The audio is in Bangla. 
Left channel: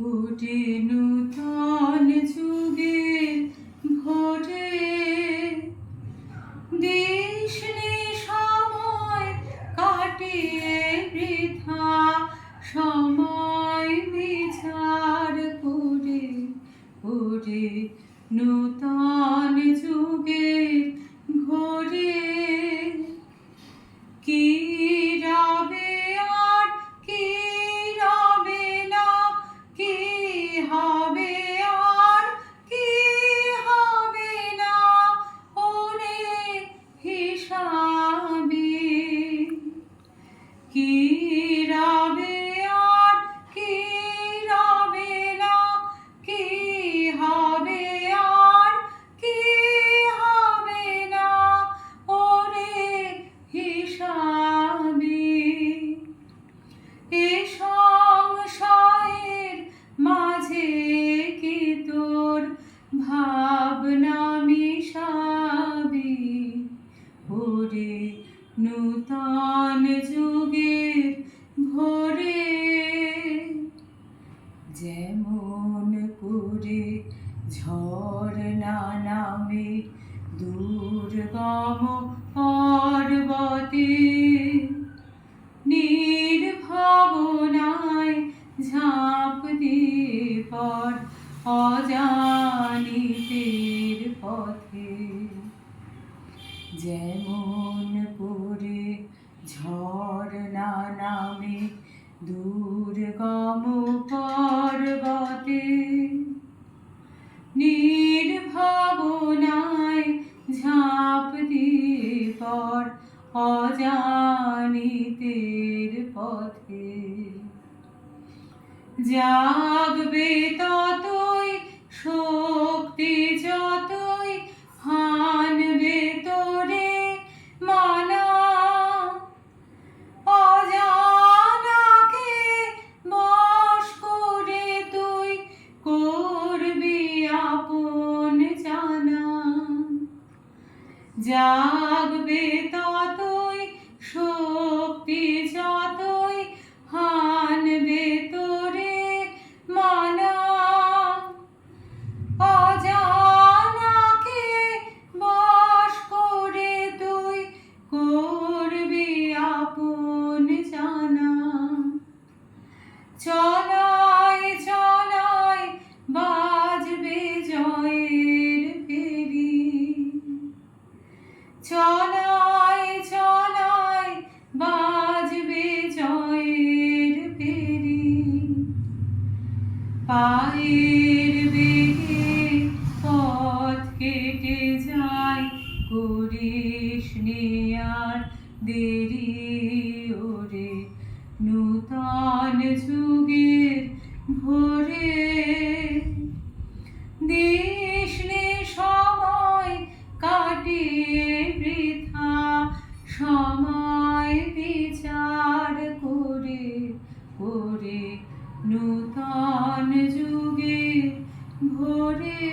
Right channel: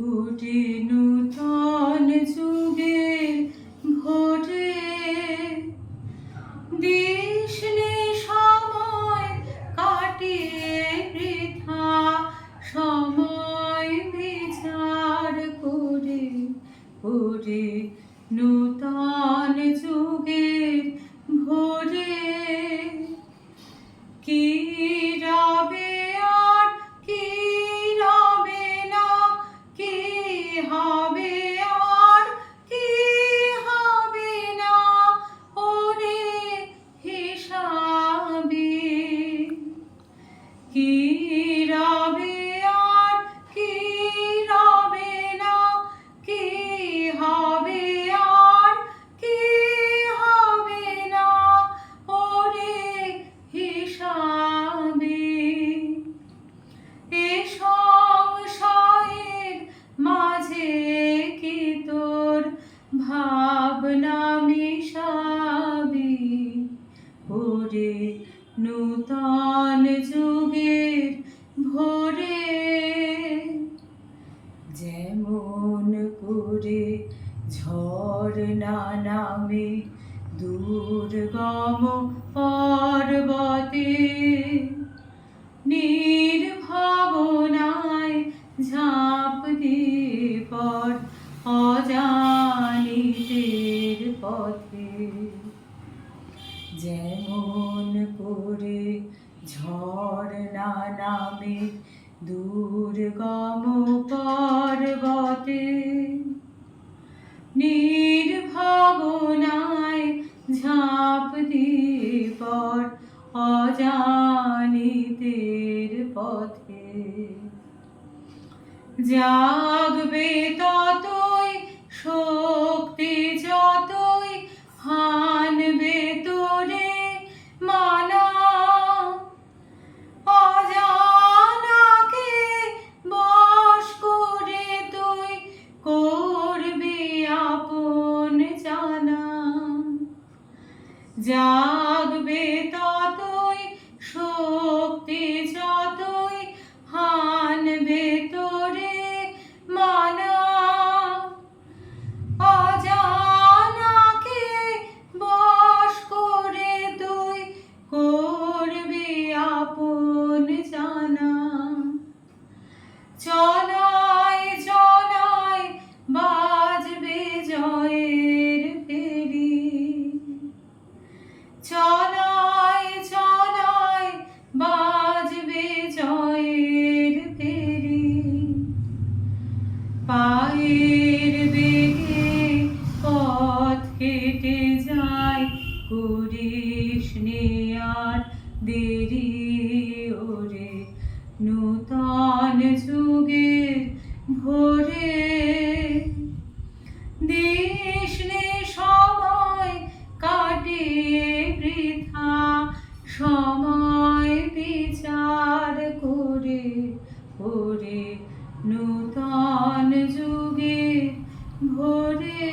কোটি নূতন যুগের ভোরে দিশনে সময় কাটিয়ে বৃথা সময় বিচার করে করে নূতন যুগের ভোরে কি রবে আর কি রবে না, কি হবে আর কি হবে না, ওরে হিসাবে কি রবে আর কি রবে না, কি হবে আর কি হবে না, ওরে হিসাবে এ সংশয়ের মাঝে কি তোর ভাবনা মিশাবি, ওরে নূতন যুগের ভোরে যেমন করে ঝর্ণা নামে দুর্গম পর্বতে নির্ভাবনায় ঝাঁপ দিয়ে পর অজানিতের পথে, যেমন করে ঝর্ণা নামে দুর্গম পর্বতে নির্ভাবনায় ঝাঁপ দিয়ে পর অজানিতের পথে জাগবে ততই শক্তি যতই হানবে তোরে মানা, অজানাকে বশ করে তুই করবি আপন জানা, জাগবে ততই শক্তি যতই হানবে তোরে মানা, অজানাকে বশ করে তুই করবি আপন জানা। চলায় চলায় বাজবে জয়ের ফেরি, চলায় চলায় বাজবে জয়ের ফেরি, পায়ের বেগে পথ কেটে যায় করিস নে আর দেরি, ওরে নূতন যুগের ভোরে দিশনে সময় কাটিয়ে বৃথা সময় বিচার করে করে নূতন যুগের ভোরে।